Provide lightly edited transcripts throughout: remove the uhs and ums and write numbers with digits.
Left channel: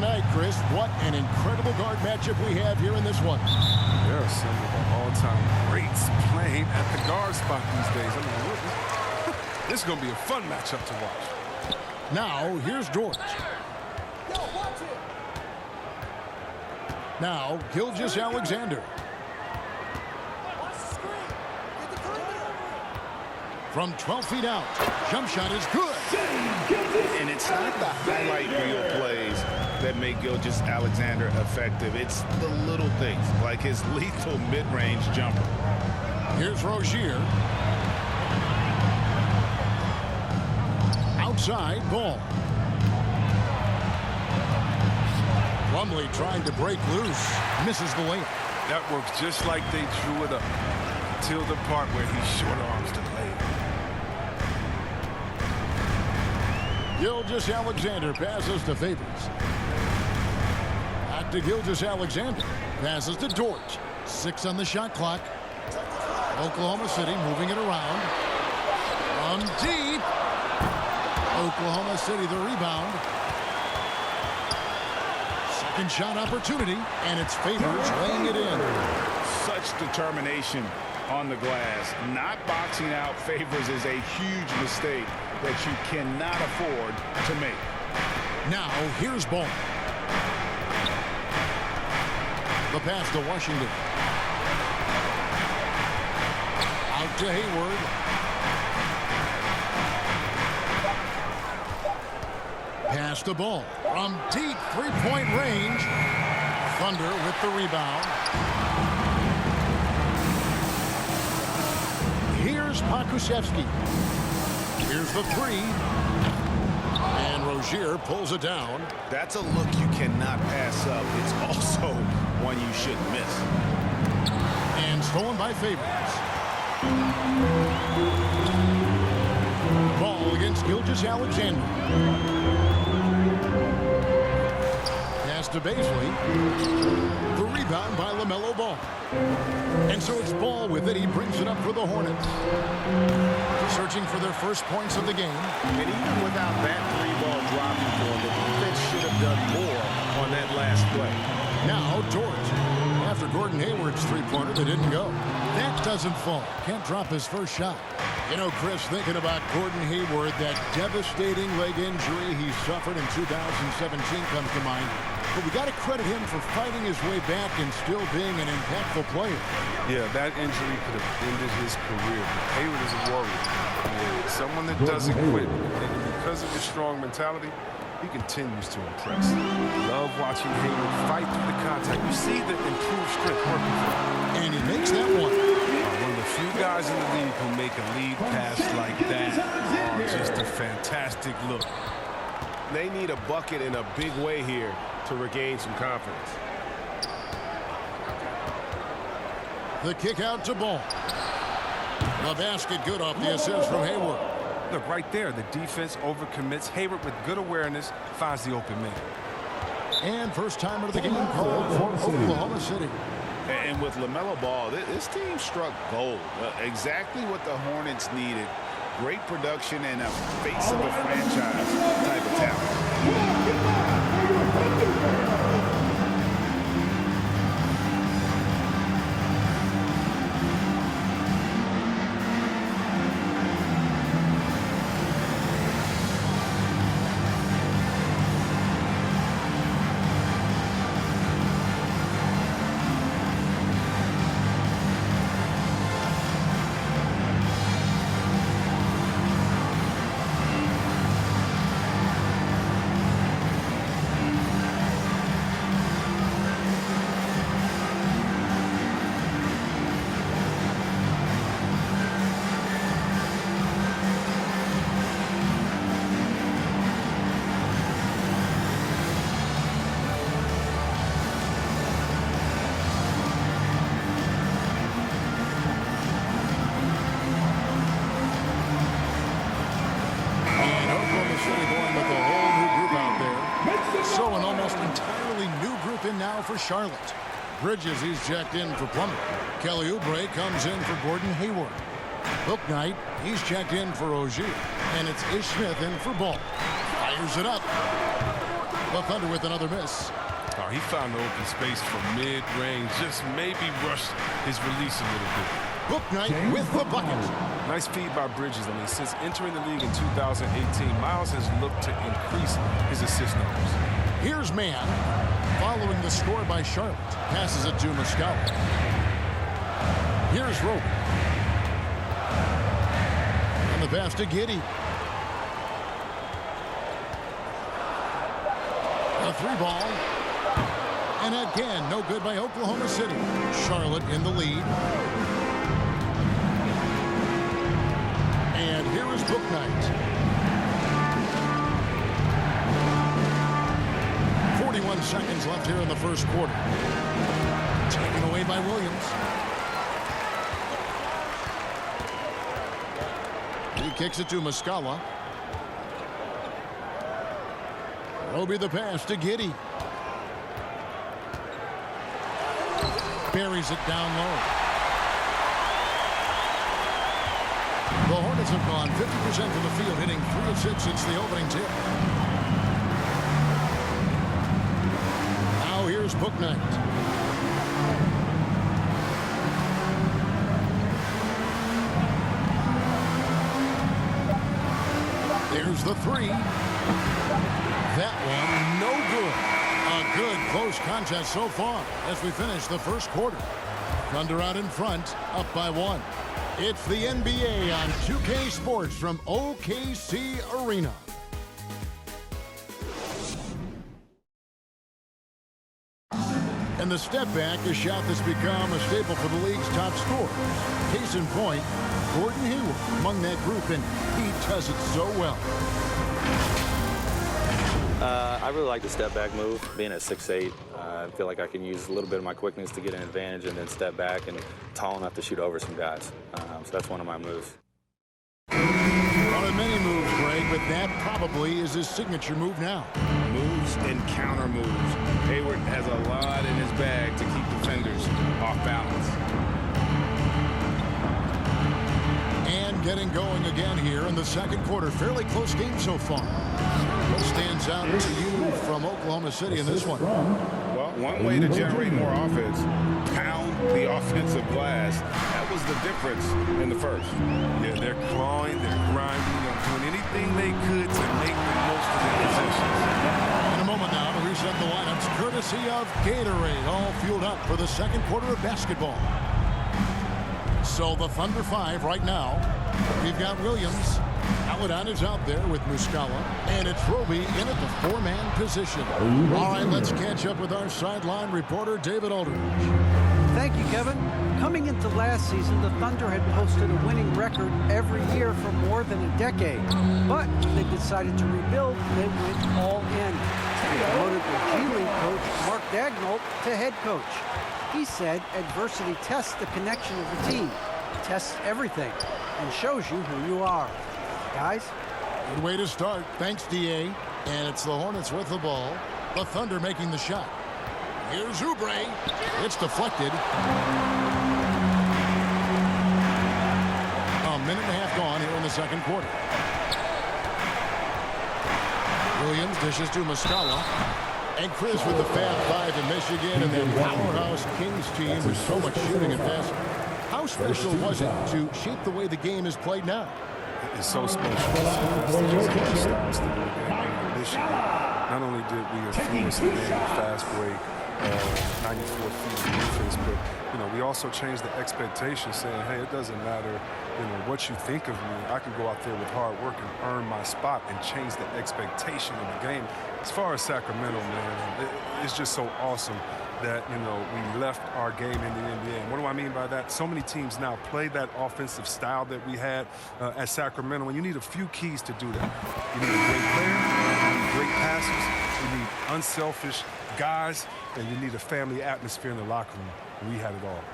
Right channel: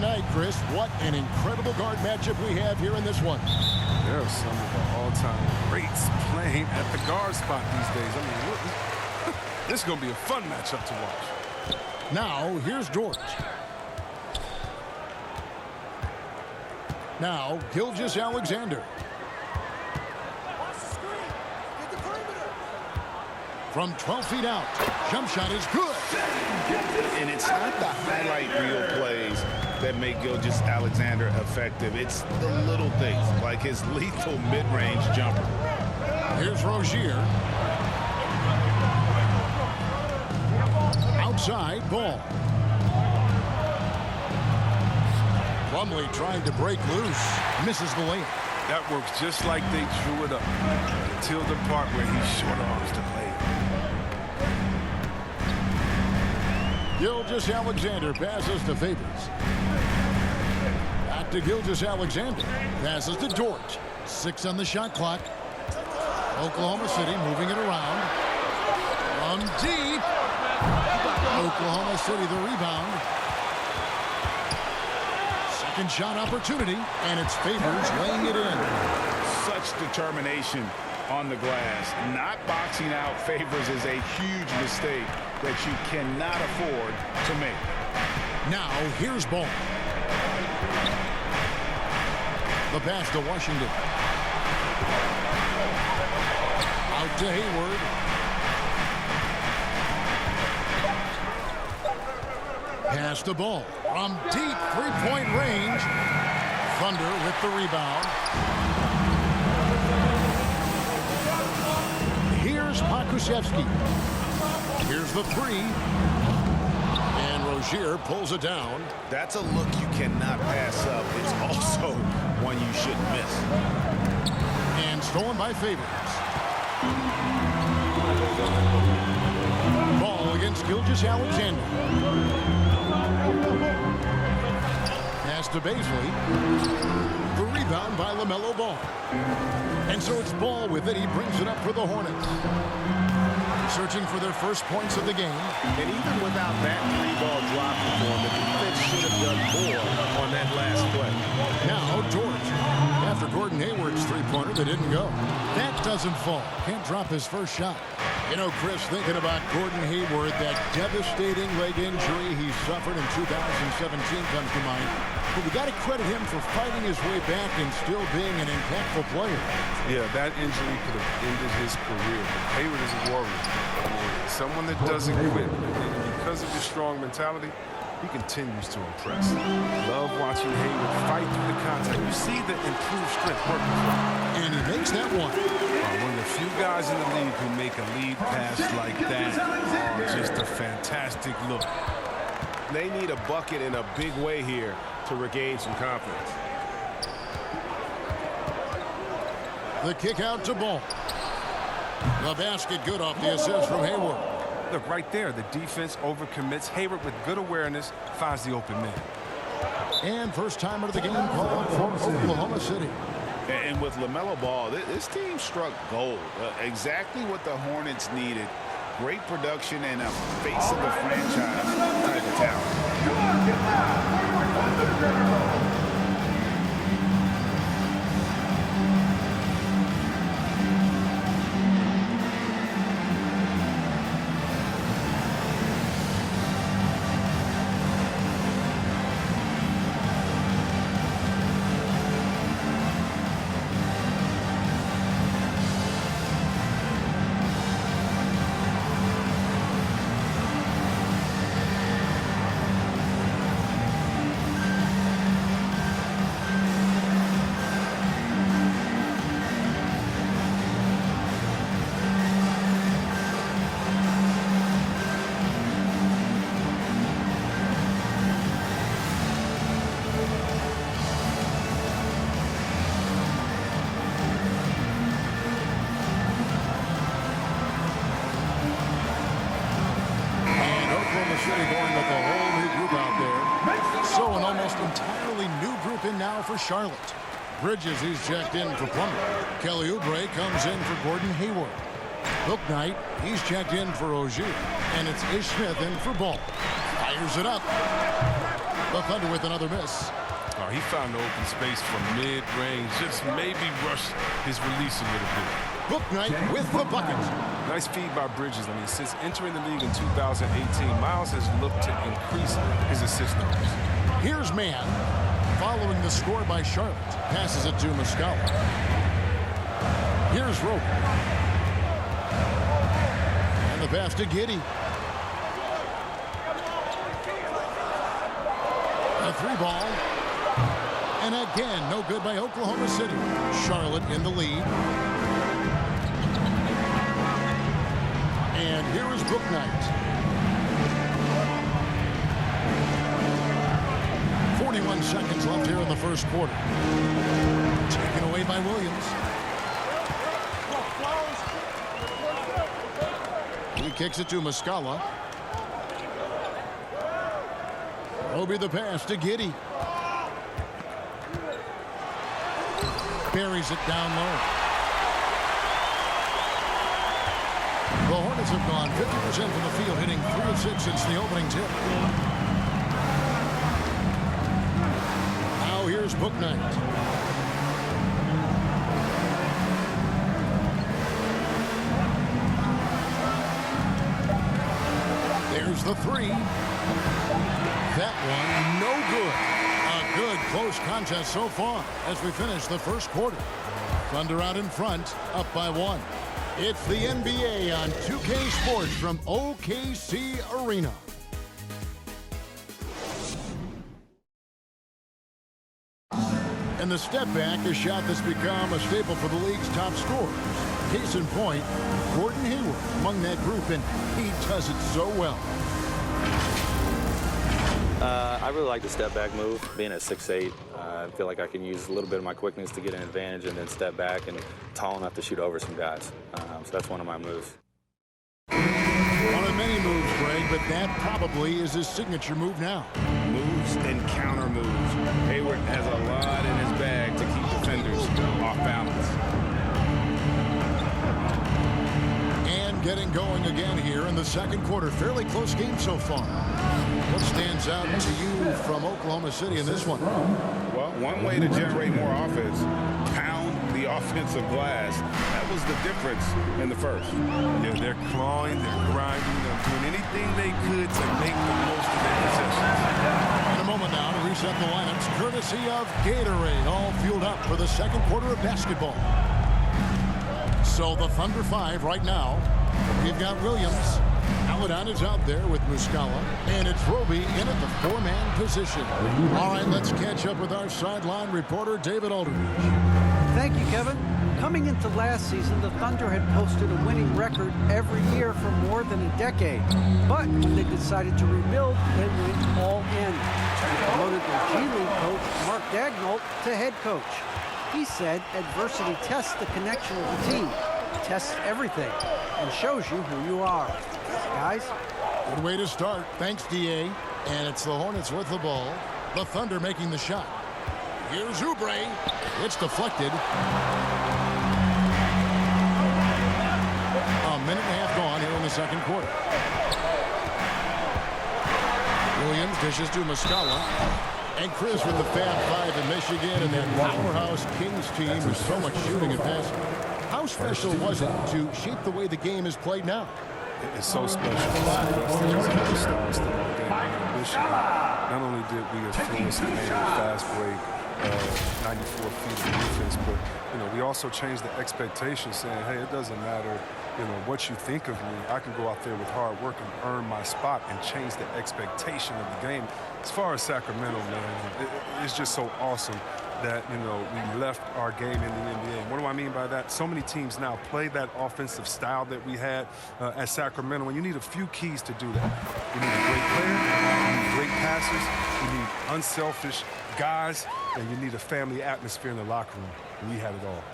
tonight, Chris. What an incredible guard matchup we have here in this one. There are some of the all-time greats playing at the guard spot these days. I mean, this is going to be a fun matchup to watch. Now, here's George. Now, Gilgeous-Alexander. From 12 feet out, jump shot is good. And it's not the highlight reel plays that make Gilgeous-Alexander effective. It's the little things, like his lethal mid-range jumper. Here's Rozier. Outside, ball. Plumlee trying to break loose. Misses the layup. That works just like they drew it up until the part where he short arms the layup. Gilgeous-Alexander passes to Favors. Back to Gilgeous-Alexander. Passes to Dort. 6 on the shot clock. Oklahoma City moving it around. From deep. Oklahoma City the rebound. Second shot opportunity, and it's Favors laying it in. Such determination on the glass. Not boxing out Favors is a huge mistake that you cannot afford to make. Now, here's Ball. The pass to Washington. Out to Hayward. Pass the ball from deep three-point range. Thunder with the rebound. Here's Pokusevski. Here's the three. And Rozier pulls it down. That's a look you cannot pass up. It's also one you shouldn't miss. And stolen by Favors. Ball against Gilgeous-Alexander. Pass to Baisley. The rebound by LaMelo Ball. And so it's Ball with it. He brings it up for the Hornets. Searching for their first points of the game. And even without that three-ball dropping for him, the defense should have done more on that last play. Now George. After Gordon Hayward's three-pointer that didn't go. That doesn't fall. Can't drop his first shot. You know, Chris, thinking about Gordon Hayward, that devastating leg injury he suffered in 2017 comes to mind. But we got to credit him for fighting his way back and still being an impactful player. Yeah, that injury could have ended his career. But Hayward is a warrior. I mean, someone that doesn't quit. And because of his strong mentality, he continues to impress. Love watching Hayward fight through the contact. You see the improved strength working for him. And he makes that one. One of the few guys in the league who make a lead pass like that. Oh, just a fantastic look. They need a bucket in a big way here to regain some confidence. The kick out to Ball. The basket good off the assist from Hayward. Look, right there, the defense overcommits. Hayward with good awareness finds the open man. And first timer of the game called for Oklahoma City. And with LaMelo Ball, this team struck gold. Exactly what the Hornets needed. Great production and a face of the franchise type of talent. City going with a whole new group out there. So an almost entirely new group in now for Charlotte. Bridges, he's checked in for Plumlee. Kelly Oubre comes in for Gordon Hayward. Bouknight, he's checked in for Rozier. And it's Ish Smith in for Ball. Fires it up. The Thunder with another miss. Oh, he found the open space from mid-range. Just maybe rushed his release a little bit. Bouknight with the bucket. Nice feed by Bridges. I mean, since entering the league in 2018, Miles has looked to increase his assist numbers. Here's Mann, following the score by Charlotte. Passes it to Muscala. Here's Roby. And the pass to Giddey. A 3-ball. And again, no good by Oklahoma City. Charlotte in the lead. And here is Bouknight. 41 seconds left here in the first quarter. Taken away by Williams. He kicks it to Muscala. Roby the pass to Giddey. Buries it down low. The Hornets have gone 50% from the field, hitting 3 of 6 since the opening tip. Now here's Bouknight. There's the 3. That one, no good. A good close contest so far as we finish the first quarter. Thunder out in front, up by 1. It's the NBA on 2K Sports from OKC Arena. And the step back, a shot that's become a staple for the league's top scorers. Case in point, Gordon Hayward among that group, and he does it so well. I really like the step back move. Being at 6'8", I feel like I can use a little bit of my quickness to get an advantage and then step back and tall enough to shoot over some guys. So that's one of my moves. One of many moves, Greg, but that probably is his signature move now. Moves and counter moves. Hayward has a lot in his bag to keep defenders off balance. And getting going again here in the second quarter. Fairly close game so far. What stands out to you from Oklahoma City in this one? Well, one way to generate more offense, pound the offensive glass. That was the difference in the first. Yeah, they're clawing, they're grinding, they're doing anything they could to make the most of their possessions. In a moment now to reset the lineups, courtesy of Gatorade, all fueled up for the second quarter of basketball. So the Thunder 5 right now. We've got Williams. Aladon is out there with Muscala, and it's Roby in at the 4-man position. All right, let's catch up with our sideline reporter, David Aldridge. Thank you, Kevin. Coming into last season, the Thunder had posted a winning record every year for more than a decade. But when they decided to rebuild, they went all in. They promoted their G League coach, Mark Daigneault, to head coach. He said adversity tests the connection of the team, tests everything, and shows you who you are. Guys? Good way to start. Thanks, D.A. And it's the Hornets with the ball. The Thunder making the shot. Here's Oubre. It's deflected. A minute and a half gone here in the second quarter. Williams dishes to Muscala. And Chris with the Fab 5 in Michigan and then powerhouse Kings team with so much shooting and passing. How special was it to shape the way the game is played now? It's so special. That's the style still in the game. In Michigan, not only did we influence the game with fast break, 94 feet of defense, but we also changed the expectation, saying, hey, it doesn't matter what you think of me. I can go out there with hard work and earn my spot and change the expectation of the game. As far as Sacramento, man, it's just so awesome that, we left our game in the NBA. And what do I mean by that? So many teams now play that offensive style that we had at Sacramento, and you need a few keys to do that. You need a great player, you need great passes, you need unselfish guys, and you need a family atmosphere in the locker room. We had it all.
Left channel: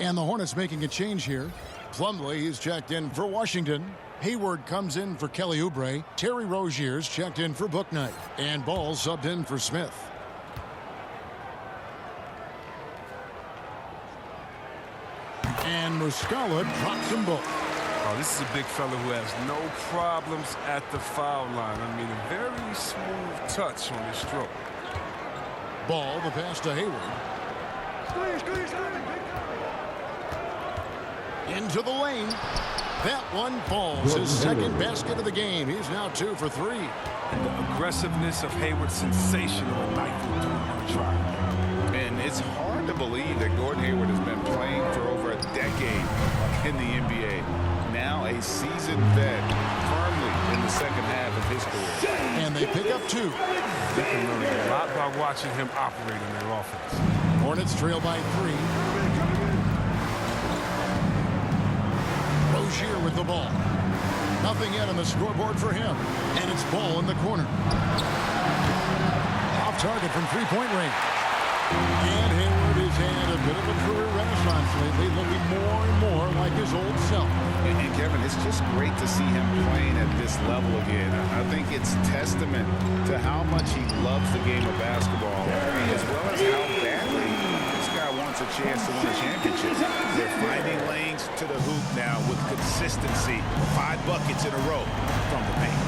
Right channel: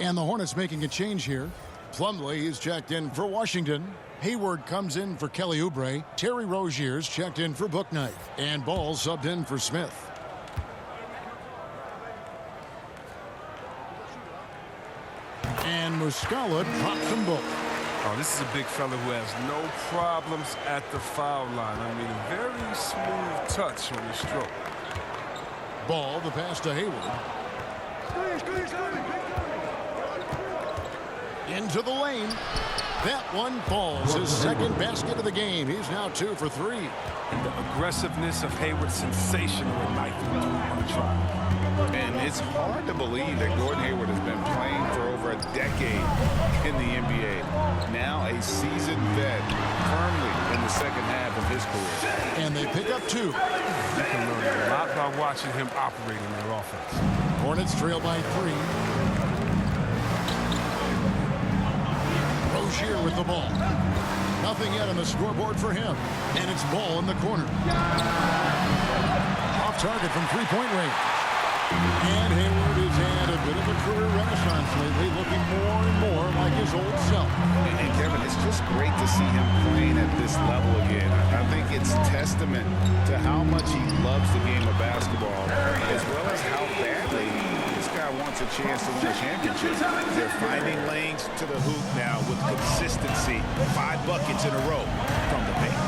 And the Hornets making a change here. Plumlee is checked in for Washington. Hayward comes in for Kelly Oubre. Terry Rozier's checked in for Bouknight. And Ball subbed in for Smith. And Muscala drops them both. Oh, this is a big fella who has no problems at the foul line. I mean, a very smooth touch on his stroke. Ball, the pass to Hayward. Into the lane. That one falls. His second basket of the game. He's now 2 for 3. And the aggressiveness of Hayward, sensational at knifing through on the try. And it's hard to believe that Gordon Hayward has been playing for over a decade in the NBA. Now a seasoned vet, firmly in the second half of his career. And they pick up 2. You can learn a lot by watching him operate in their offense. Hornets trail by 3. Rozier with the ball. Nothing yet on the scoreboard for him. And it's ball in the corner. Off target from three-point range. And Hayward has had a bit of a career renaissance lately, looking more and more like his old self. And Kevin, it's just great to see him playing at this level again. I think it's testament to how much he loves the game of basketball, as well as how badly this guy wants a chance to win a championship. They're finding lanes to the hoop now with consistency. 5 buckets in a row from the paint.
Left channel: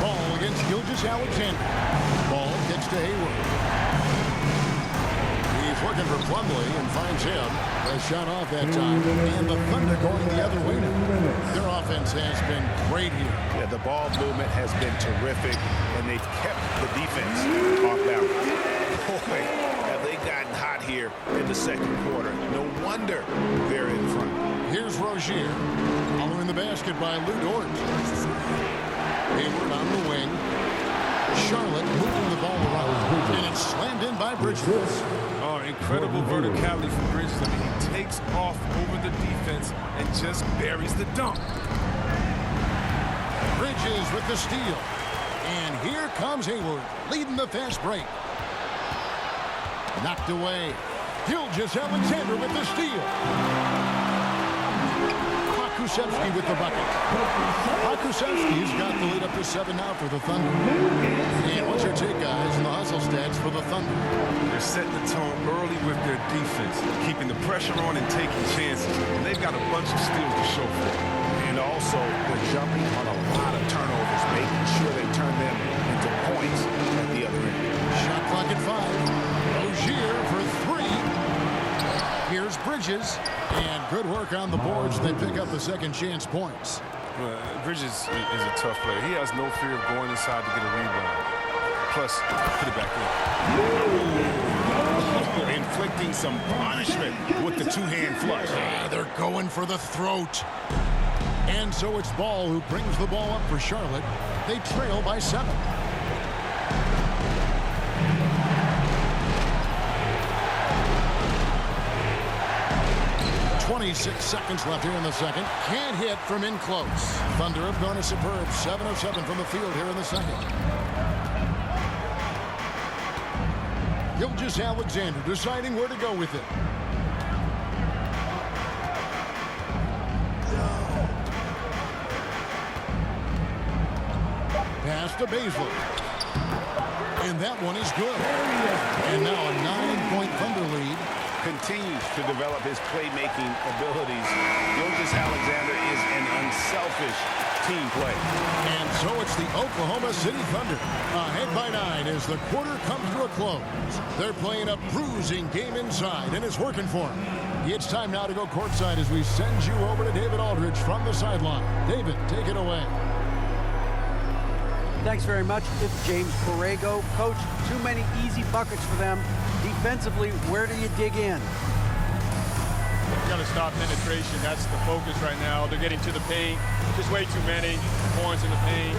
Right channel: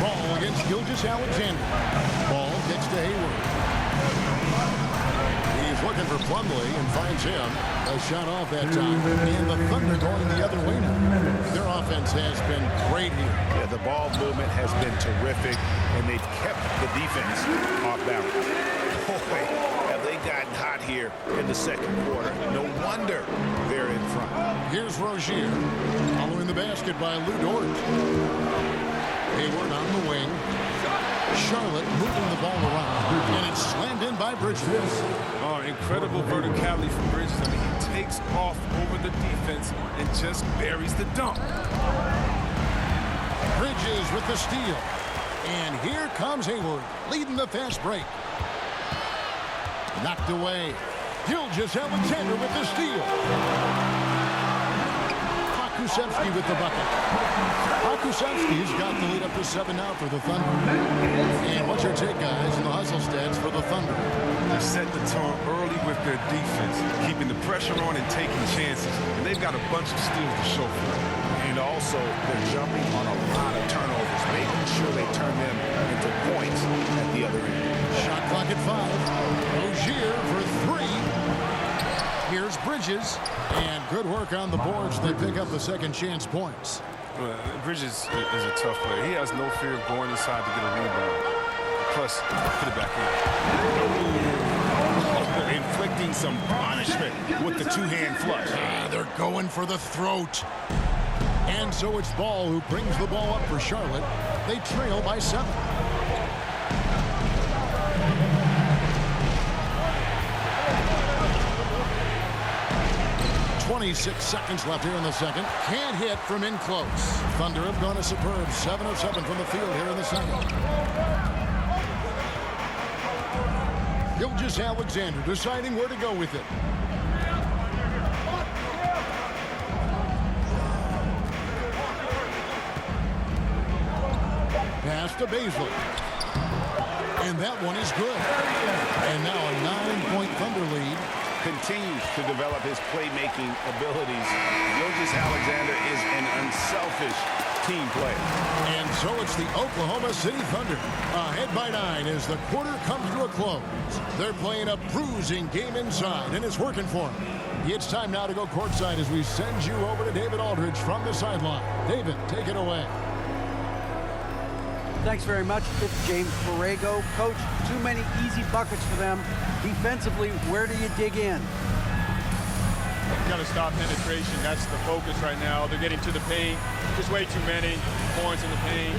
Ball against Gilgeous-Alexander. Ball kicks to Hayward. He's looking for Plumlee and finds him. A shot off that time. And the Thunder going the other way now. Their offense has been great here. Yeah, the ball movement has been terrific, and they've kept the defense off balance. Boy, have they gotten hot here in the second quarter. No wonder they're in front. Here's Rozier. Following the basket by Lou Dort. Hayward on the wing. Charlotte moving the ball around. And it's slammed in by Bridges. Oh, incredible verticality from Bridges. I mean, he takes off over the defense and just buries the dunk. Bridges with the steal. And here comes Hayward, leading the fast break. Knocked away. Gilgeous-Alexander with the steal. Pokusevski with the bucket. Pokusevski's got the lead up to 7 now for the Thunder. And what's your take, guys, in the hustle stats for the Thunder? They're setting the tone early with their defense, keeping the pressure on and taking chances. And they've got a bunch of steals to show for it. And also, they're jumping on a lot of turnovers, making sure they turn them into points at the other end. Shot clock at 5. Rozier for 3. Here's Bridges. And good work on the boards. They pick up the second chance points. Bridges is a tough player. He has no fear of going inside to get a rebound. Plus, put it back in. Inflicting some punishment with the two-hand flush. They're going for the throat. And so it's Ball who brings the ball up for Charlotte. They trail by 7. .26 seconds left here in the second. Can't hit from in close. Thunder have gone a superb 7 of 7 from the field here in the second. Gilgeous-Alexander deciding where to go with it. Pass to Baisley. And that one is good. And now a 9-point Thunder lead. Continues to develop his playmaking abilities. Gilgeous-Alexander is an unselfish team player. And so it's the Oklahoma City Thunder ahead by 9 as the quarter comes to a close. They're playing a bruising game inside, and it's working for them. It's time now to go courtside as we send you over to David Aldridge from the sideline. David, take it away. Thanks very much. It's James Borrego. Coach, too many easy buckets for them. Defensively, where do you dig in? Got to stop penetration. That's the focus right now. They're getting to the paint. Just way too many points in the paint.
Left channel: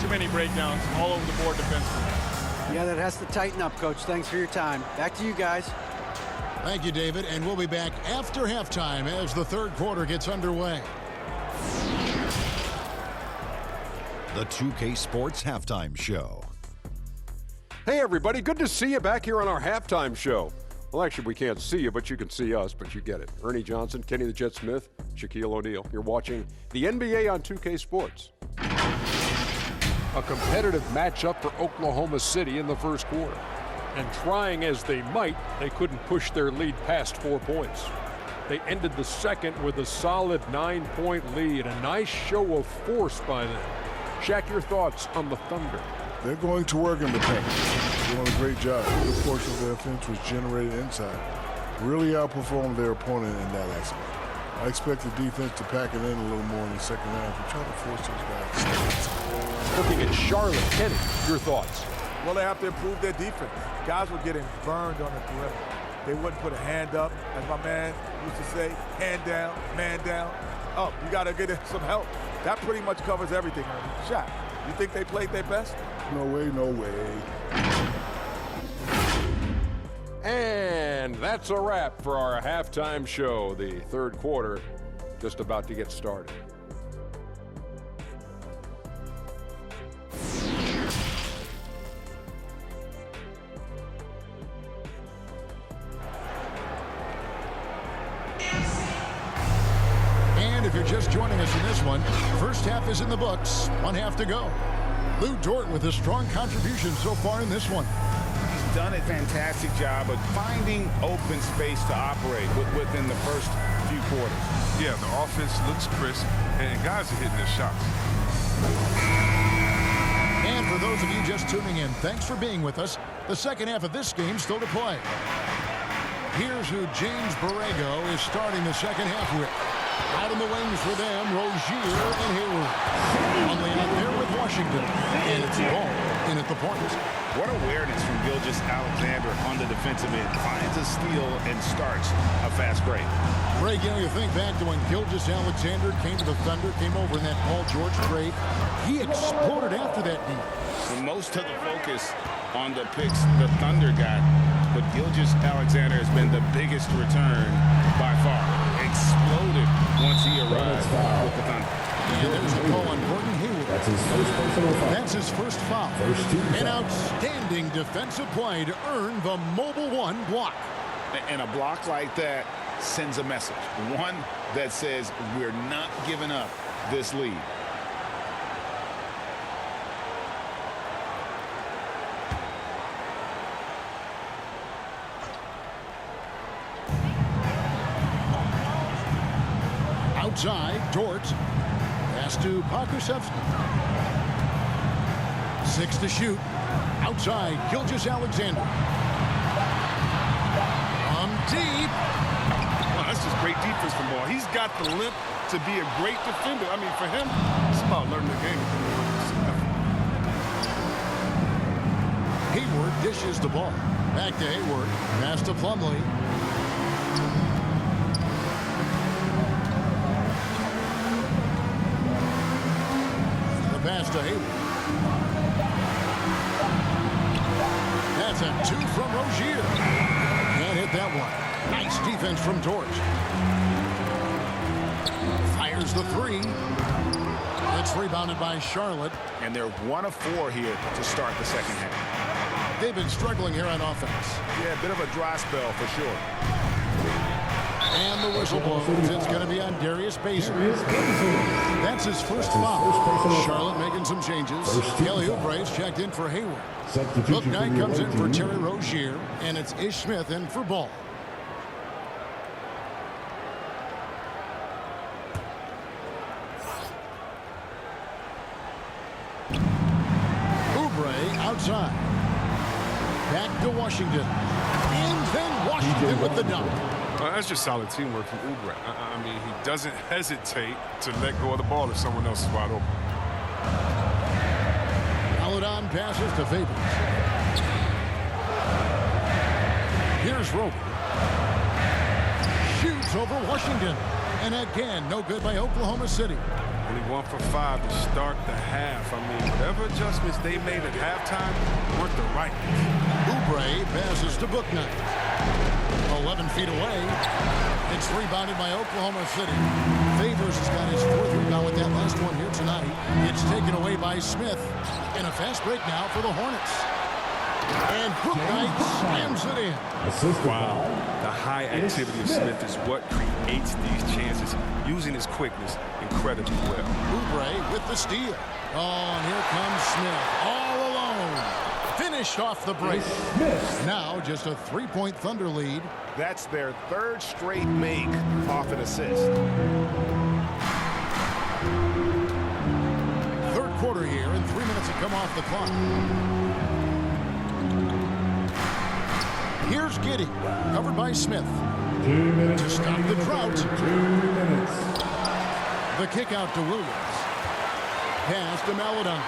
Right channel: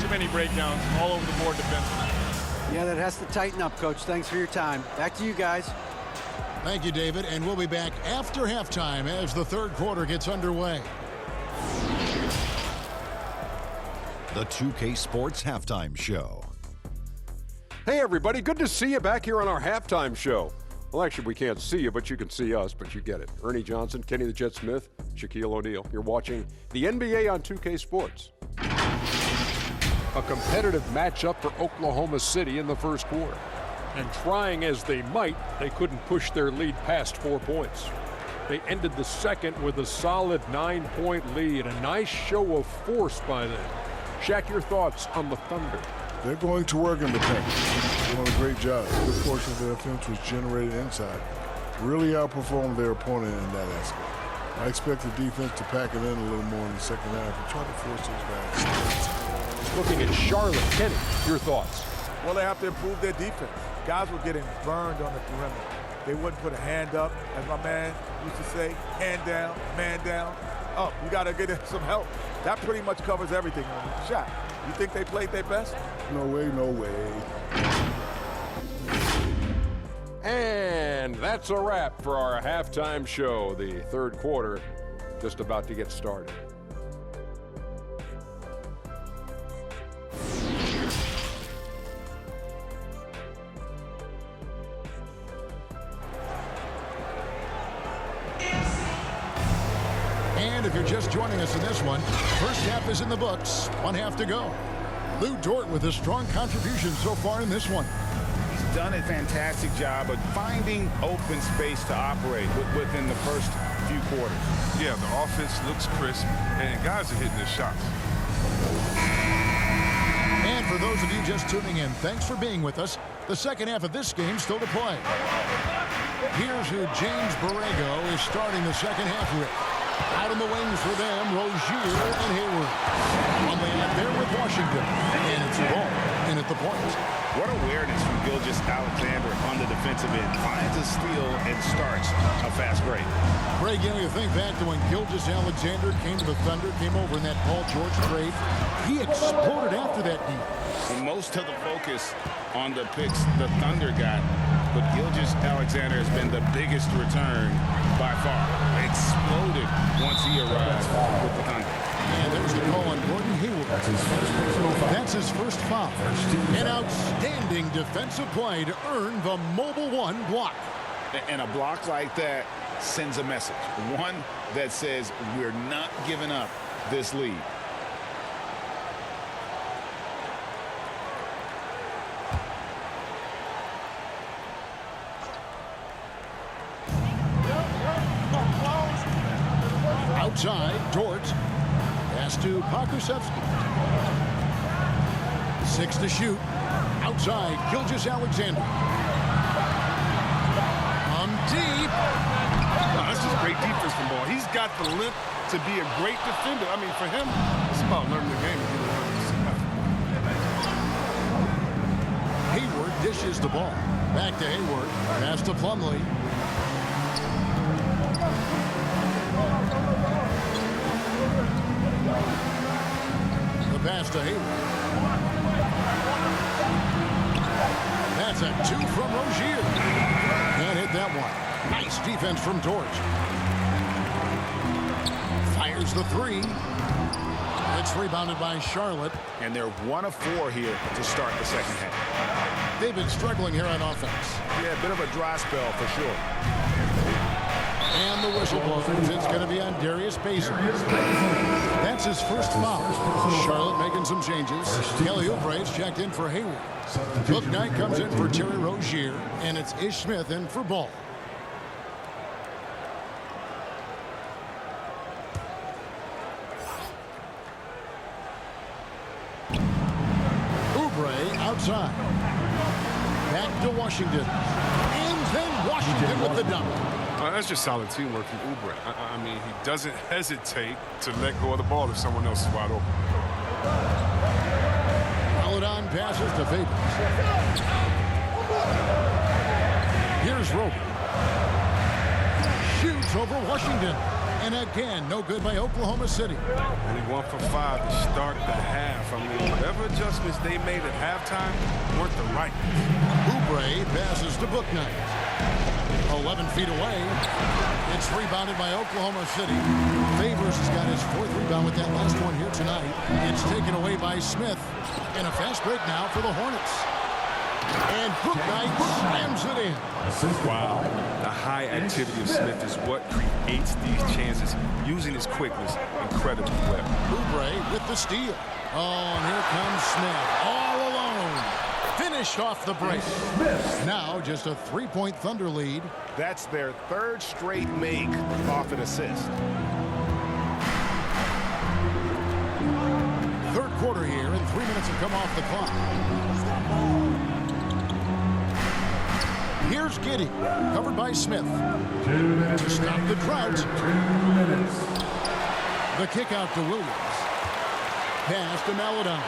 Too many breakdowns all over the board defensively. Yeah, that has to tighten up, Coach. Thanks for your time. Back to you guys. Thank you, David. And we'll be back after halftime as the third quarter gets underway. The 2K Sports Halftime Show. Hey, everybody. Good to see you back here on our halftime show. Well, actually, we can't see you, but you can see us, but you get it. Ernie Johnson, Kenny the Jet Smith, Shaquille O'Neal. You're watching the NBA on 2K Sports. A competitive matchup for Oklahoma City in the first quarter. And trying as they might, they couldn't push their lead past 4 points. They ended the second with a solid 9-point lead. A nice show of force by them. Shaq, your thoughts on the Thunder? They're going to work in the paint. Doing a great job. A good portion of their offense was generated inside. Really outperformed their opponent in that aspect. I expect the defense to pack it in a little more in the second half and try to force those guys to stay inside. Looking at Charlotte, Kenny, your thoughts? Well, they have to improve their defense. Guys were getting burned on the perimeter. They wouldn't put a hand up, as my man used to say, hand down, man down, up. You got to get some help. That pretty much covers everything, Ernie. Shaq, you think they played their best? No way, no way. And that's a wrap for our halftime show. The third quarter just about to get started. And if you're just joining us in this one, first half is in the books, 1 half to go. Lou Dort with a strong contribution so far in this one. He's done a fantastic job of finding open space to operate within the first few quarters. Yeah, the offense looks crisp, and guys are hitting their shots. And for those of you just tuning in, thanks for being with us. The second half of this game still to play. Here's who James Borrego is starting the second half with. Out in the wings for them, Rozier and Hayward. Only out there with Washington. And it's Ball in at the point. What awareness from Gilgeous-Alexander on the defensive end. Finds a steal and starts a fast break. Greg, you think back to when Gilgeous-Alexander came to the Thunder, came over in that Paul George trade. He exploded after that deal. And most of the focus on the picks the Thunder got, but Gilgeous-Alexander has been the biggest return by far. Exploded once he arrived with the Thunder. And there's the call on Gordon Hayward. That's his first personal foul. That's his first foul. First team An foul. outstanding defensive play to earn the Mobile One block. And a block like that sends a message. One that says we're not giving up this lead. Outside, Dort. Pass to Pokusevski. 6 to shoot. Outside, Gilgeous-Alexander. From deep. Oh, that's just great defense from Ball. He's got the limp to be a great defender. I mean, for him, it's about learning the game and getting effort. Hayward dishes the ball. Back to Hayward. Pass to Plumlee. Pass to Hayward. That's a 2 from Rozier. Can't hit that one. Nice defense from Dort. Fires the 3. It's rebounded by Charlotte. And they're 1 of 4 here to start the second half. They've been struggling here on offense. Yeah, a bit of a dry spell for sure. And the whistle blows. It's going to be on Darius Bazley. That's his first foul. Charlotte making some changes. Kelly Oubre's checked in for Hayward. Book Knight comes in for Terry Rozier, and it's Ish Smith in for Ball. Oubre outside. Back to Washington. And then Washington with the dunk. That's just solid teamwork from Oubre. I mean, he doesn't hesitate to let go of the ball if someone else is wide open. Followed on passes to Favors. Here's Roby. Shoots over Washington. And again, no good by Oklahoma City. Only 1 for 5 to start the half. I mean, whatever adjustments they made at halftime weren't the right ones. Oubre passes to Book Knight. 11 feet away. It's rebounded by Oklahoma City. Favors has got his 4th rebound with that last one here tonight. It's taken away by Smith. And a fast break now for the Hornets. And Book Knight slams it in. Wow. The high activity of Smith is what creates these chances, using his quickness incredibly well. Oubre with the steal. Oh, and here comes Smith all alone. finished off the break. Now just a 3-point Thunder lead. That's their third straight make off an assist. Third quarter here, and 3 minutes have come off the clock. Here's Giddey, covered by Smith. 2 minutes to stop the drought. 2 minutes. The kick out to Williams. Pass to Maladon.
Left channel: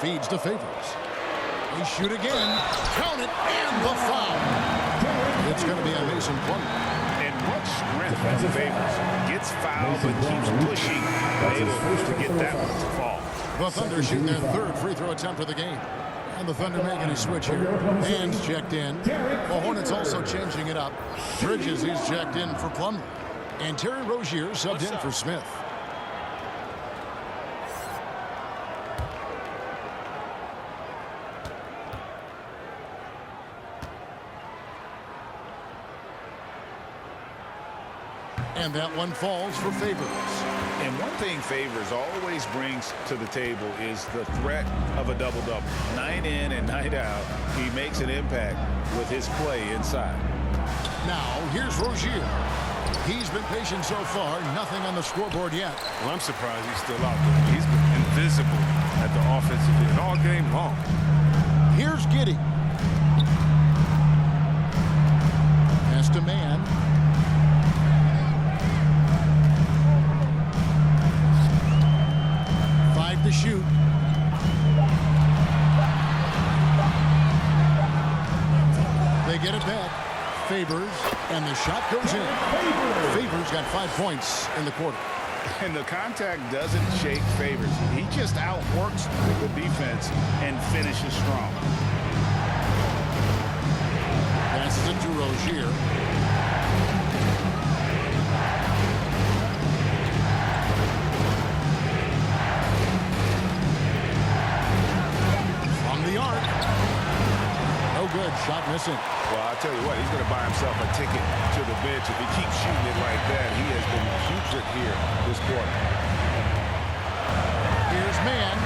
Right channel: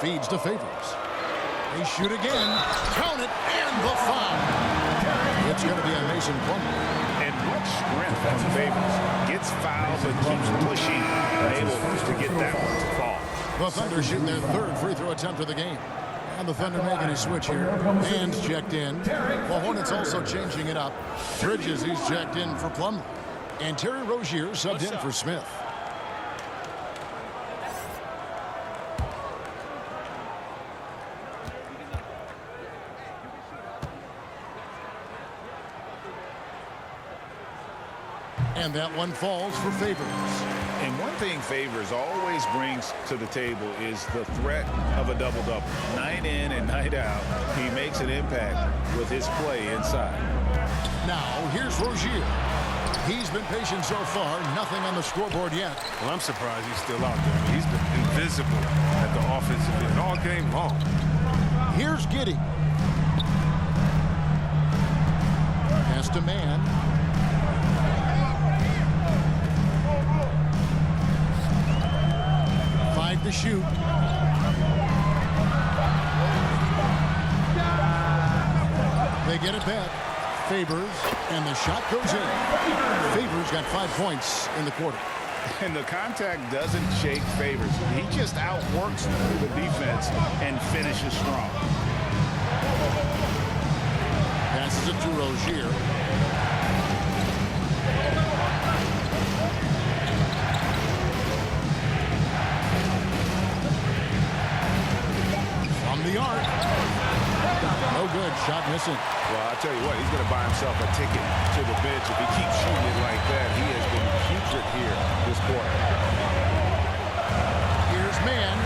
Feeds to Favors. They shoot again. Count it, and the foul. It's going to be on Mason Plumlee. And what strength from Favors. Gets fouled, but keeps pushing. Able to get that one to fall. The Thunder shooting their third free throw attempt of the game. And the Thunder making a switch here. Hands checked in. The Hornets also changing it up. Bridges, he's checked in for Plumlee. And Terry Rozier subbed in for Smith. And that one falls for Favors. And one thing Favors always brings to the table is the threat of a double-double. Night in and night out, he makes an impact with his play inside. Now, here's Rozier. He's been patient so far. Nothing on the scoreboard yet. Well, I'm surprised he's still out there. He's been invisible at the offensive end all game long. Here's Giddey. Pass to Man. Five to shoot. They get it back. Favors, and the shot goes in. Favors got 5 points in the quarter. And the contact doesn't shake Favors. He just outworks the defense and finishes strong. Passes it to Rozier. From the arc. No good. Shot missing. Well, I'll tell you what, he's going to buy himself a ticket to the bench. If he keeps shooting it like that, he has been putrid here this quarter. Here's Man.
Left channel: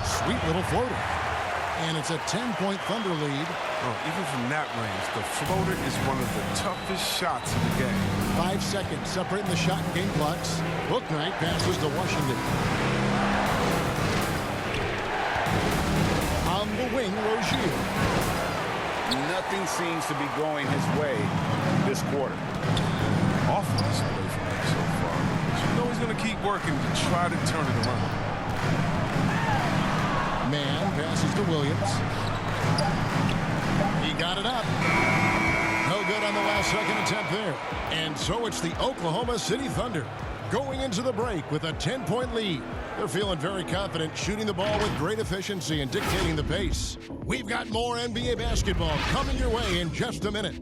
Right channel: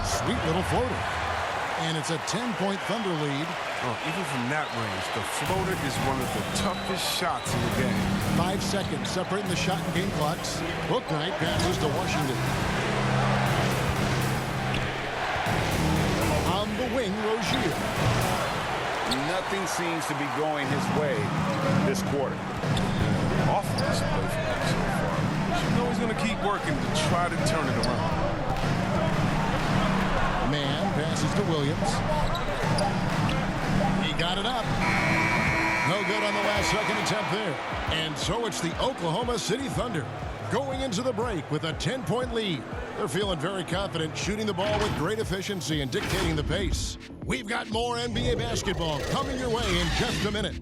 Sweet little floater. And it's a 10-point Thunder lead. Oh, even from that range, the floater is one of the toughest shots in the game. 5 seconds separating the shot and game clocks. Bouknight passes to Washington. On the wing, Rozier. Nothing seems to be going his way this quarter. Awful display from him so far. But you know he's going to keep working to try to turn it around. Man passes to Williams. He got it up. No good on the last second attempt there. And so it's the Oklahoma City Thunder going into the break with a 10-point lead. They're feeling very confident, shooting the ball with great efficiency and dictating the pace. We've got more NBA basketball coming your way in just a minute.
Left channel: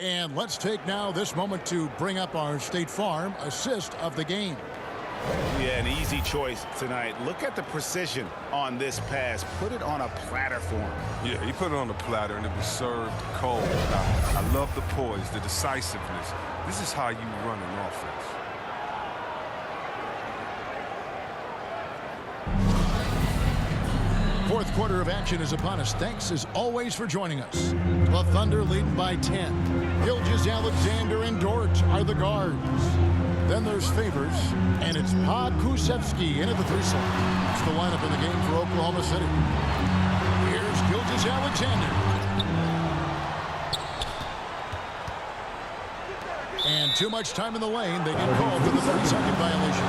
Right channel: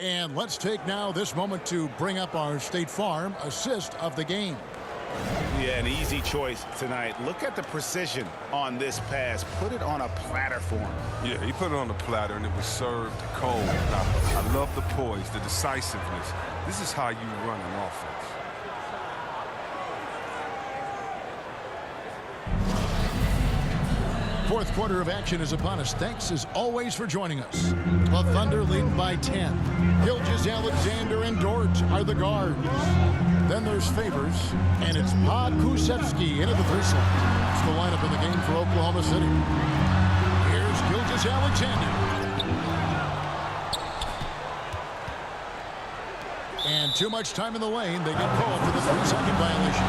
And let's take now this moment to bring up our State Farm assist of the game. Yeah, an easy choice tonight. Look at the precision on this pass. Put it on a platter for him. Yeah, he put it on the platter, and it was served cold. Now, I love the poise, the decisiveness. This is how you run an offense. Fourth quarter of action is upon us. Thanks as always for joining us. The Thunder leading by 10. Gilgeous, Alexander, and Dort are the guards. Then there's Favors, and it's Pokusevski into the 3 slot. It's the lineup in the game for Oklahoma City. Here's Gilgeous Alexander. And too much time in the lane. They get called for the 3-second violation.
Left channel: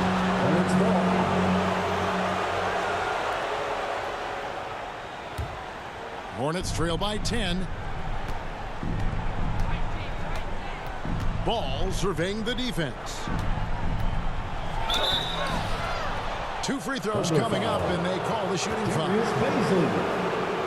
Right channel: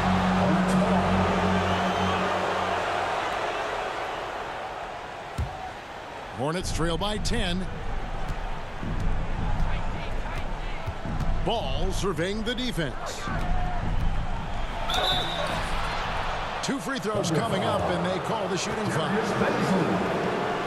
Hornets trail by 10. Ball surveying the defense. 2 free throws coming up, and they call the shooting foul.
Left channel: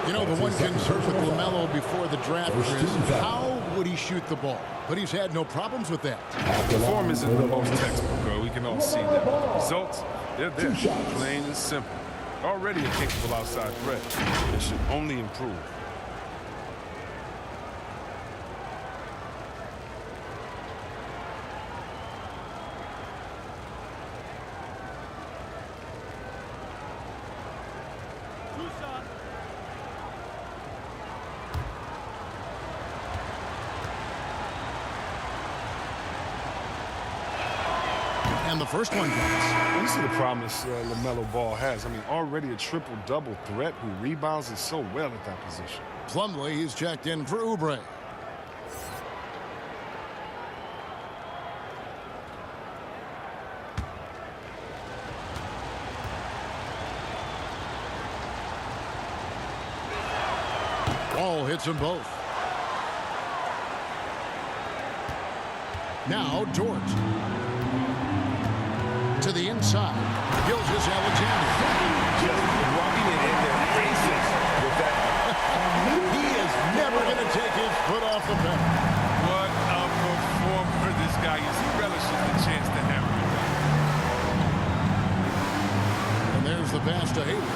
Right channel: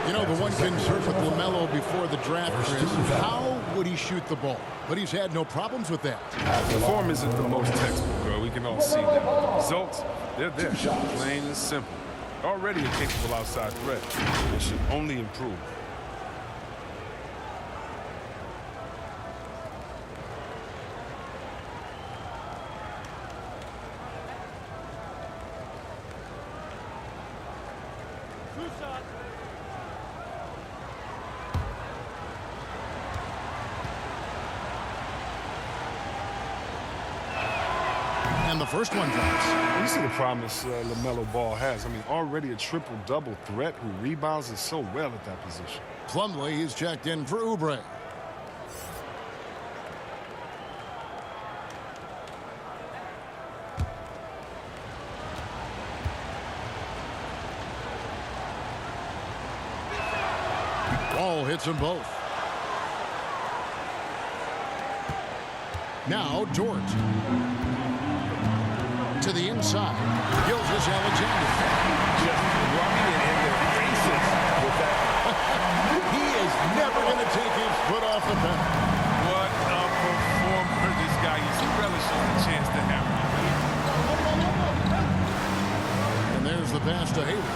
You know, the one concern with LaMelo before the draft, Chris, how would he shoot the ball? but he's had no problems with that. The form isn't the most textbook, we can all see that. But the results, they're there, plain and simple. Already a capable outside threat. It should only improve. And the first one drops. You see the promise LaMelo Ball has. I mean, already a triple-double threat who rebounds it so well at that position. Plumlee, he's checked in for Oubre. Ball hits them both. Now Dort. To the inside, Gilgeous-Alexander. Just rubbing it in their faces with that. He is never going to take his foot off the pedal. What a performer this guy is. He relishes the chance to hammer it down. And there's the pass to Hayward.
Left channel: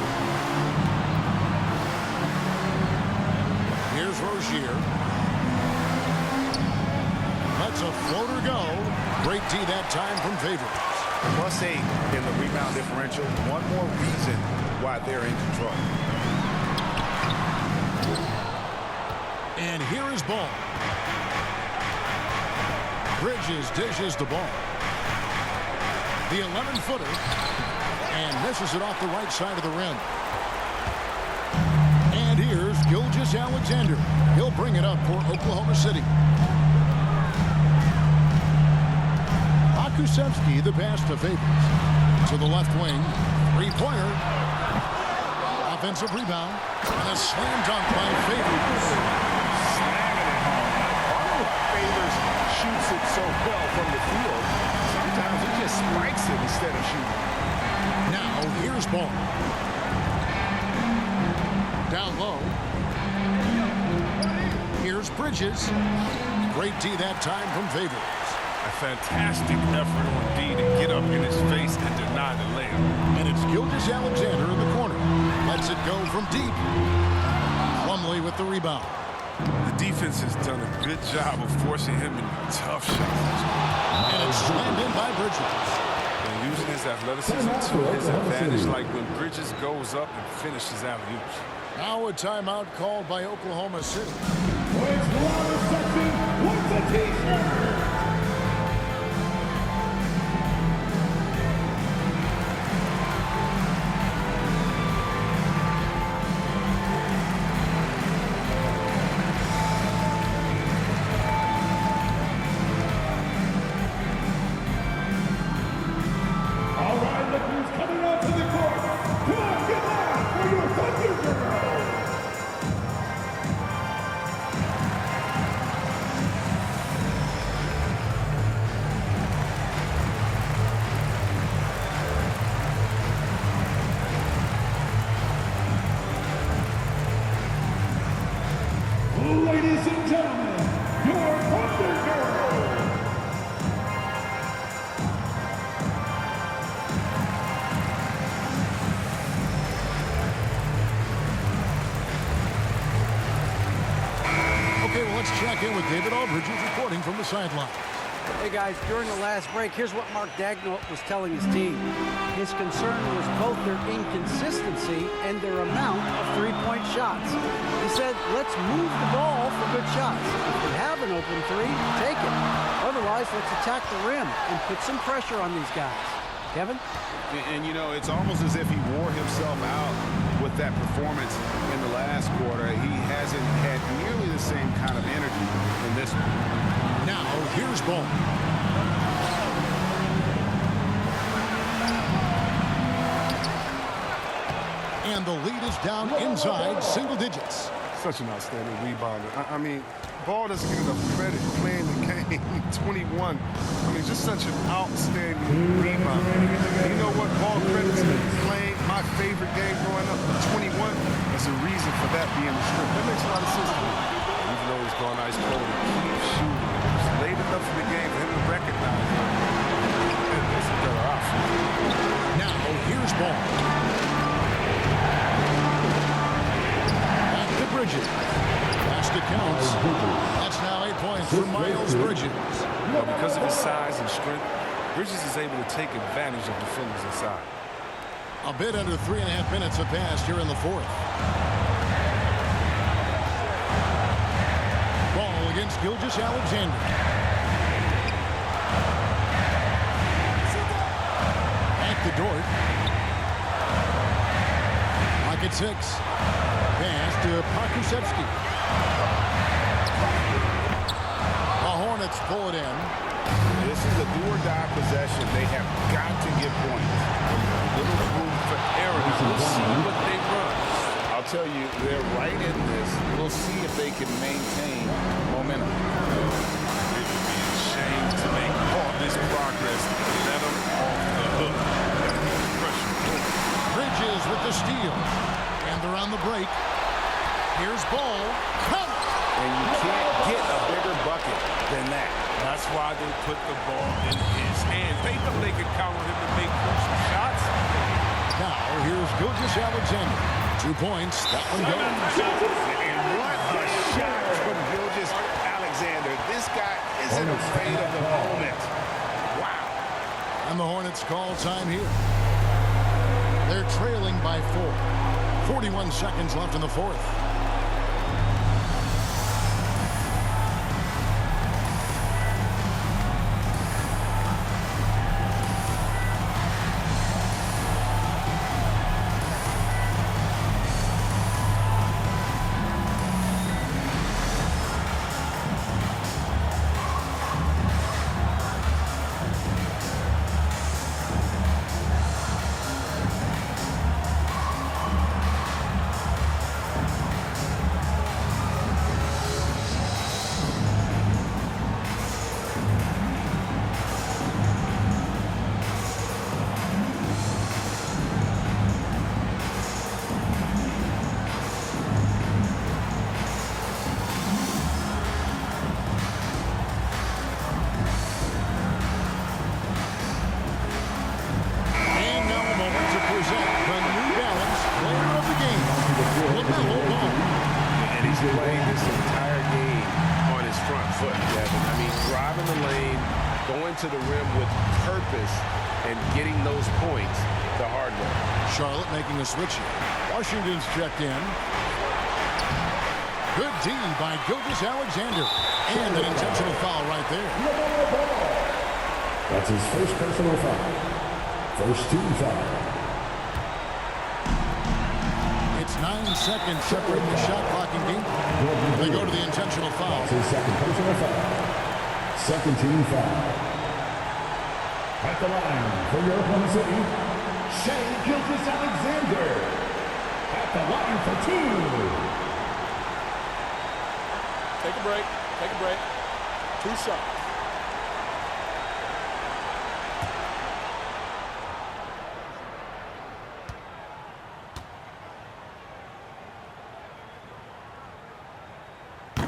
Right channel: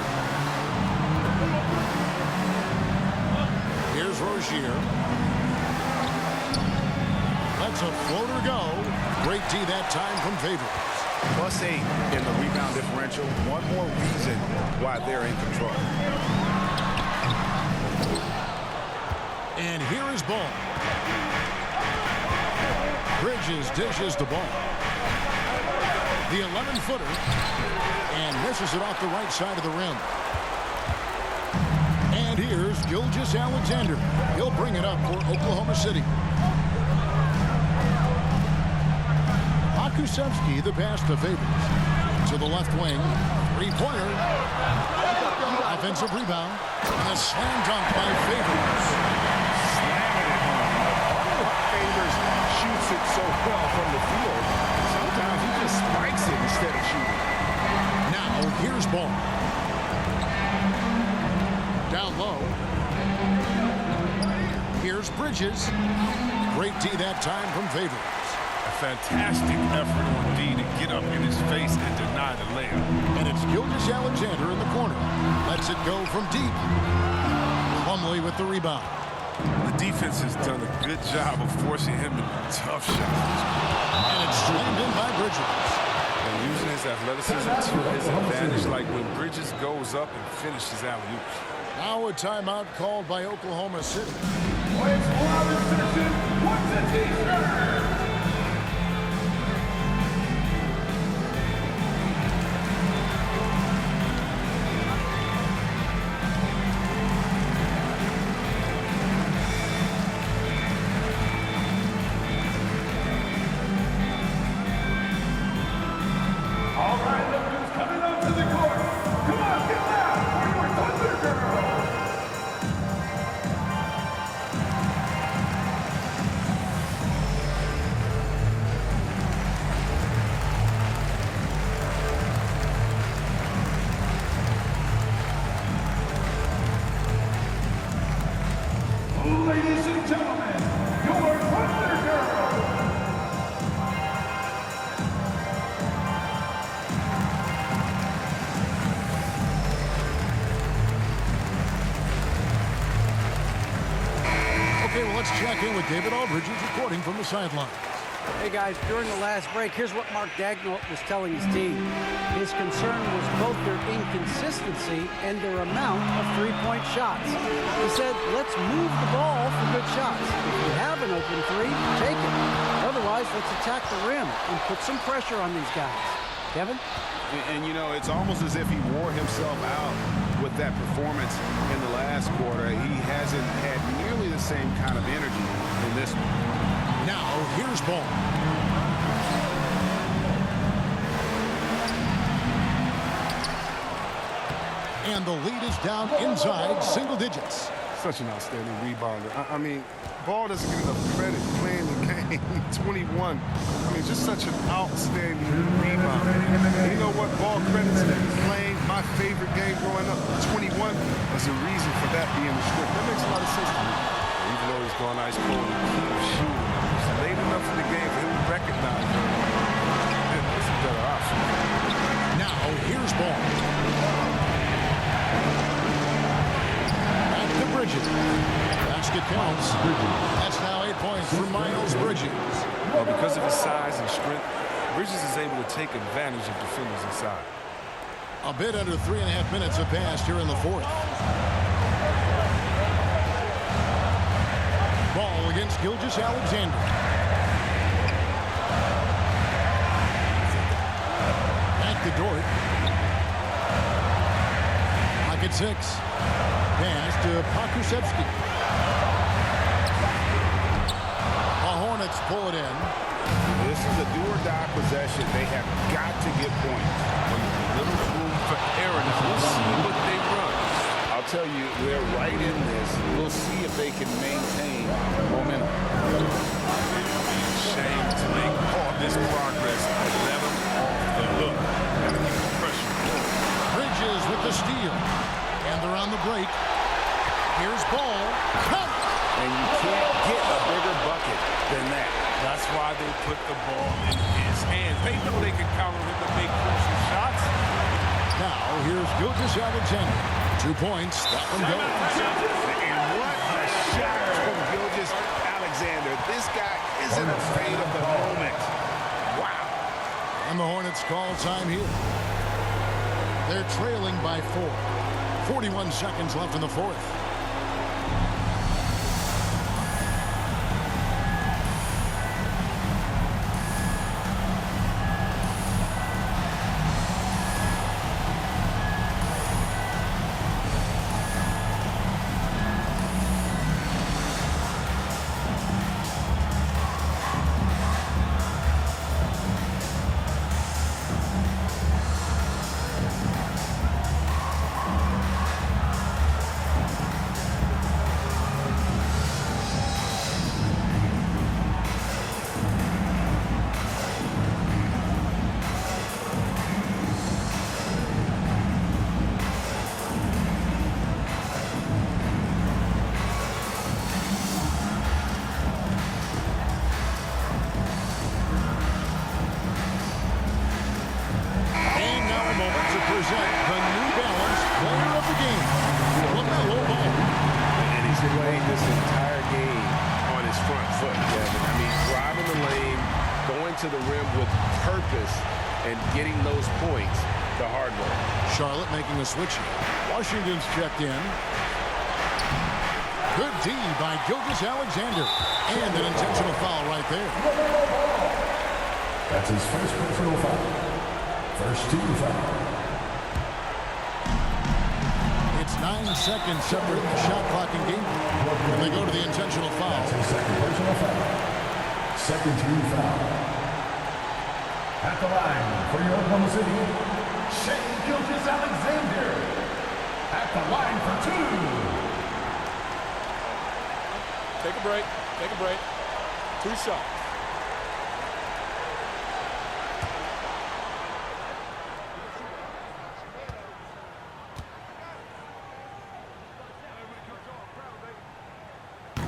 Here's Rozier. Lets a floater go. Great D that time from Favors. +8 in the rebound differential. One more reason why they're in control. And here is Ball. Bridges dishes the ball. The 11-footer. And misses it off the right side of the rim. And here's Gilgeous-Alexander. He'll bring it up for Oklahoma City. Kusevsky, the pass to Favors. To the left wing. Three-pointer. Offensive rebound. And a slam dunk by Favors. Slamming it home. Now, part of why Favors shoots it so well from the field, sometimes he just spikes it instead of shooting. Now, here's Ball. Down low. Here's Bridges. Great D that time from Favors. A fantastic effort on D to get up in his face and deny the layup. And it's Gilgeous-Alexander in the corner. Lets it go from deep. Plumlee with the rebound. The defense has done a good job of forcing him into tough shots. And it's slammed in by Bridges. And using his athleticism to his advantage, like when Bridges goes up and finishes alley-oops. Now a timeout called by Oklahoma City. Boys loudest section wants a t-shirt. All right, look who's coming onto the court. Come on, get loud for your Thunder Girl. Ladies and gentlemen, your Thunder Girl. Okay, well, let's check in with David Aldridge, who's reporting from the sidelines. Hey guys, during the last break, here's what Mark Daigneault was telling his team. His concern was both their inconsistency and their amount of three-point shots. He said, let's move the ball for good shots. If we have an open three, take it. Otherwise, let's attack the rim and put some pressure on these guys. Kevin? And you know, it's almost as if he wore himself out with that performance in the last quarter. He hasn't had nearly the same kind of energy in this one. Now, here's Ball. And the lead is down inside single digits. Such an outstanding rebounder. I mean, Ball doesn't get enough credit playing the game. 21. I mean, just such an outstanding rebounder. And you know what? Ball credits him playing my favorite game growing up, 21. There's a reason for that being the script. That makes a lot of sense to me. Even though he's gone ice cold, he keeps shooting. late enough in the game for him to recognize them. There's some better options. Now, here's ball. Back to Bridges. Basket counts. That's now 8 points for Miles Bridges. Well, because of his size and strength, Bridges is able to take advantage of defenders inside. A bit under 3.5 minutes have passed here in the fourth. Ball against Gilgeous-Alexander. Back to Dort. Lock at 6. Pass to Pokusevski. The Hornets pull it in. This is a do-or-die possession. They have got to get points. A little room for error. Now we'll see what they run. I'll tell you, they're right in this. We'll see if they can maintain momentum. It would be a shame to make all this progress and let them off the hook. Got to keep the pressure on. Bridges with the steal. And they're on the break. Here's ball. Count it. And you can't get a bigger bucket than that. That's why they put the ball in his hands. They know they can count on him to make crucial shots. Now, here's Gilgeous-Alexander. 2 points. That one goes. And what a shot from Gilgeous-Alexander. This guy isn't afraid of the moment. Wow. And the Hornets call time here. They're trailing by 4. 41 seconds left in the fourth. Present the New Balance Player of the Game, LaMelo Ball. And he's played this entire game on his front foot, Kevin. I mean, driving the lane, going to the rim with purpose, and getting those points the hard way. Charlotte making a switch here. Washington's checked in. Good D by Gilgeous-Alexander. And an intentional foul right there. That's his first personal foul. First team foul. It's 9 seconds separating the shot clock and game clock. And they go to the intentional foul. That's his second personal foul. Second team foul. At the line for your Oklahoma City, Shai Gilgeous-Alexander. At the line for 2. Take a break. Take a break. 2 shots.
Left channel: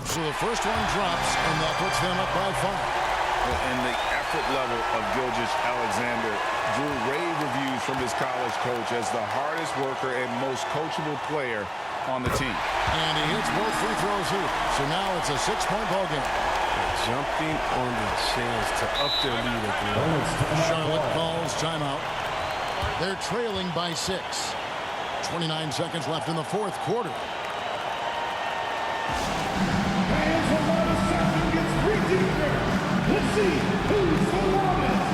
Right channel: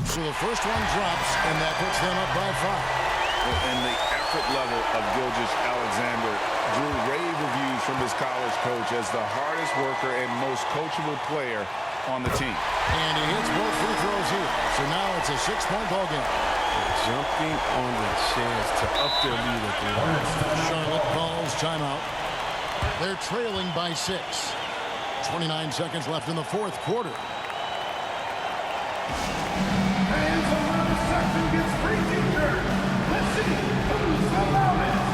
So the first one drops, and that puts them up by 5. And the effort level of Gilgeous-Alexander drew rave reviews from his college coach as the hardest worker and most coachable player on the team. And he hits both free throws here. So now it's a 6-point ball game. They're jumping on the chance to up their lead at the line. Charlotte calls timeout. They're trailing by 6. 29 seconds left in the fourth quarter. And so now the section gets free deeper. Let's see who's the loudest.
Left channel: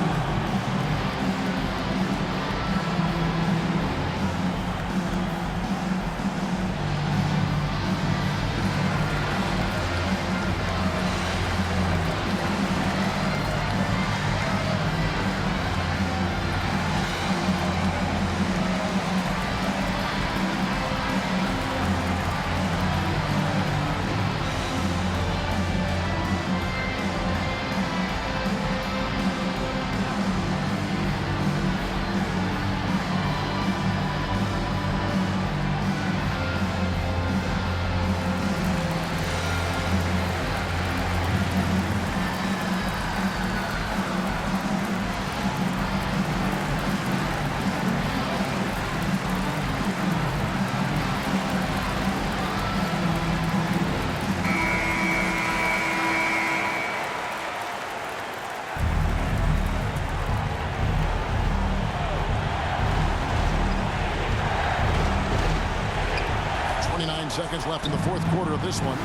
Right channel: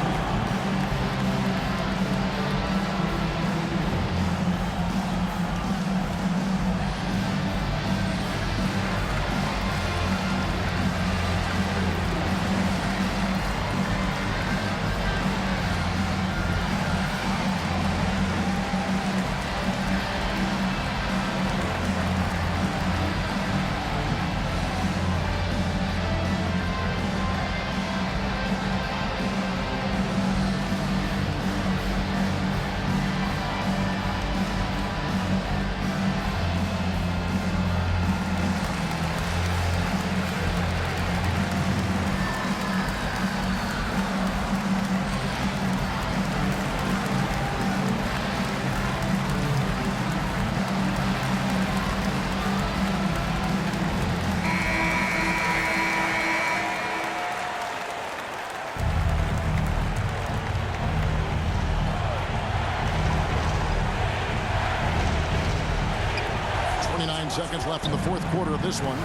29 seconds left in the fourth quarter of this one.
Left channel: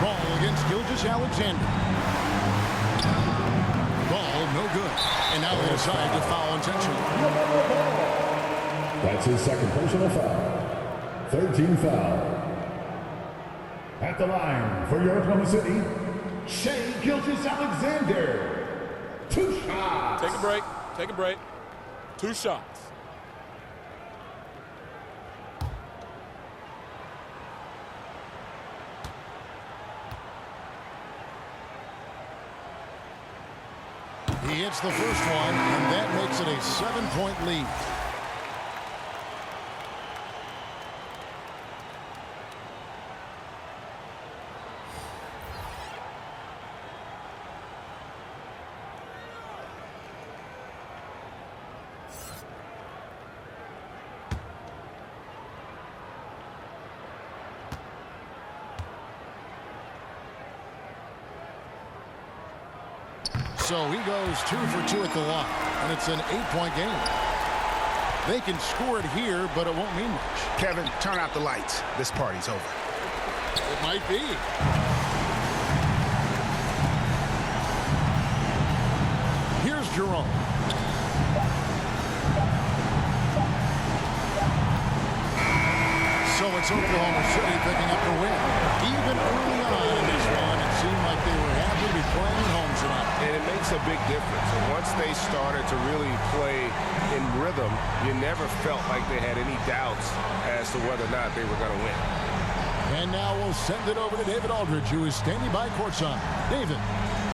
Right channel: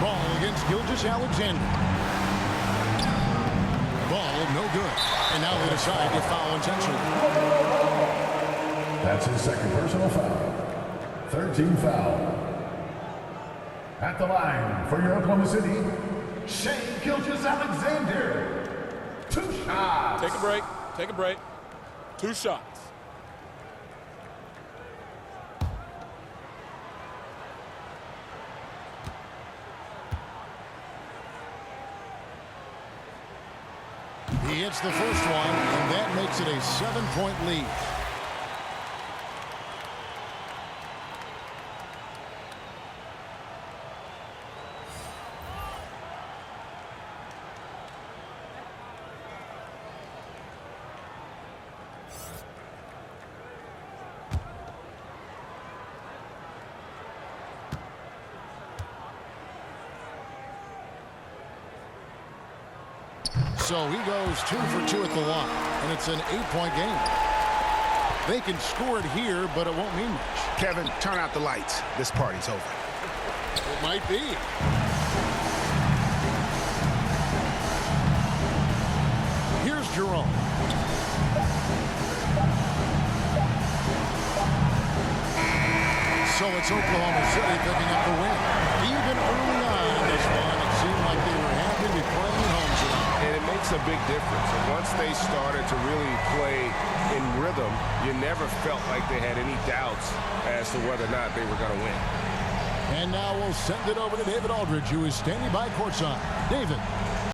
Ball against Gilgeous-Alexander. Ball no good. And now they decide to foul intentionally. That's his second personal foul. 13 foul. At the line for your Oklahoma City, Shea Gilgeous-Alexander. 2 shots. Take a break. Take a break. 2 shots. He hits the first one, and that makes it a 7-point lead. So he goes 2 for 2 at the line, and it's an 8-point game. They can score it here, but it won't mean much. Kevin, turn out the lights. This party's over. It might be. Here's Jerome. So it's Oklahoma City picking up the win. Even early on in this one, it seemed like they were happy to be playing at home tonight. And it makes a big difference. And once they started to really play in rhythm, you never felt like they had any doubts as to whether or not they were going to win. And now we'll send it over to David Aldridge, who is standing by courtside. David.